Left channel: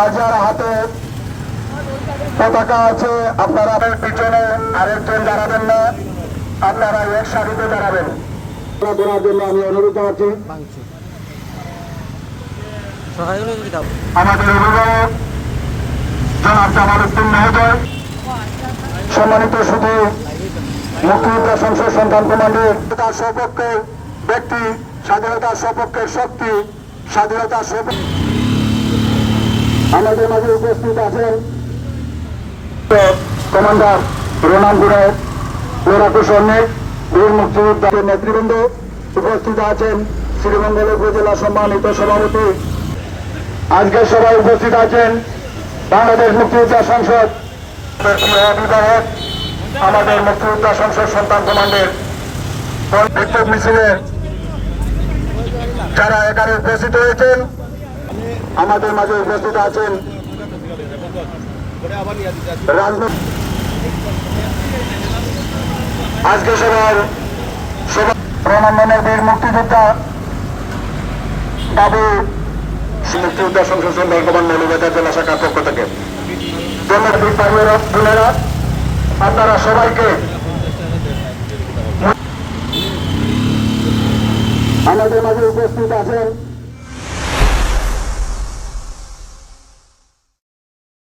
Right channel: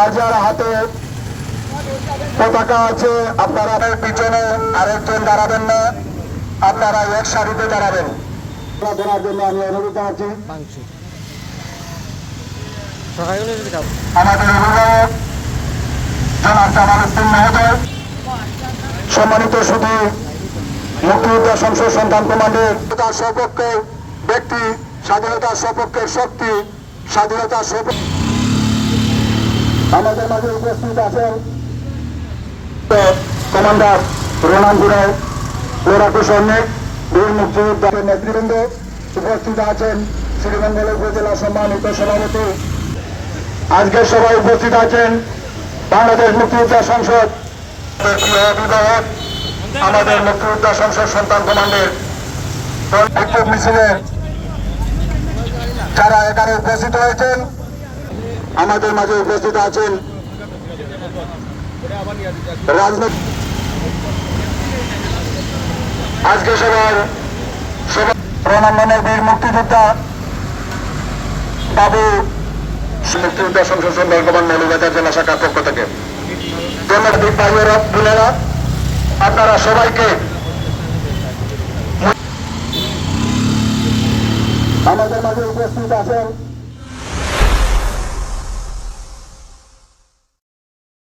যার যার হাতে পতাকা আছে আপনারা পিছনে আরেকজন দাঁড়াবেন না, আপনারা এক সারিতে দাঁড়াবেন। দেওয়ার জন্য আমি অনুরোধ জানাচ্ছি আমাদের অভিভাবক জনাব জামাল উদ্দিন মহোদয়, সম্মানিত শুধু মুক্তিযোদ্ধা সংসদ সন্তান কমান্ডের সপক্ষের ব্যক্তি, স্বাধীনতার সপক্ষের শক্তি, স্বাধীনতার সপক্ষে আমাদের মাঝে উপস্থিত আছেন কমান্ডার রোমান গুরু, লোরাকু সৈনিক, বীর মুক্তিযোদ্ধা নেতৃবৃন্দ উপস্থিত আছেন, শ্রীমঙ্গল উপজেলা সম্মানিত সভাপতি, আজকের সভায় উপস্থিত আছেন বাংলাদেশ মুক্তিযোদ্ধা সংসদ অভিভাবক, আমাদের মুক্তিযোদ্ধা সংসদ সন্তান কমান্ডের বিক্ষোভ মিছিলের যারা এখানে উপস্থিত হয়েছেন, আমাদের মাঝে উপস্থিত আছেন আজকে সবার রণাঙ্গনের বীর মুক্তিযোদ্ধা দাবি মুক্তিযোদ্ধা সংসদ সন্তান কমান্ড মৌলভীবাজার জেলা শাখার পক্ষ থেকে আপনারা সবাইকে আমাদের মাঝে উপস্থিত আছেন